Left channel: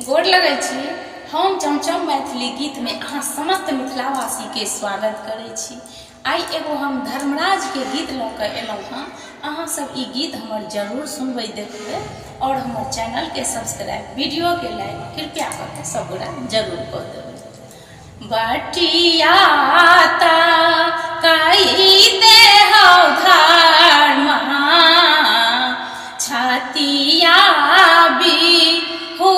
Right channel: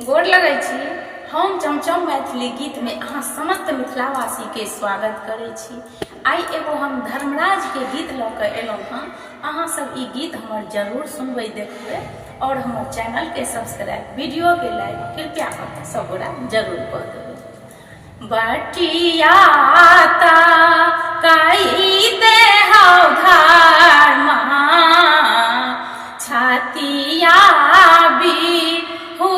गोर लगै छी। हम चमचम मैथिली गीत में अहाँ समस्त मिथिलावासी के स्वागत करै छी। आई एगो हम धर्मराज के गीत लऽ कऽ एलहुँ हँ। अहाँ सब ई गीत हमर जरूर सुनबै देखबै और हमर चैनल के सब्सक्राइब, वीडियो के लाइक कृपया करके सब गोरा जरूर कऽ देबै। बटियाता कई दे हौ धर्मा छतिया भी हो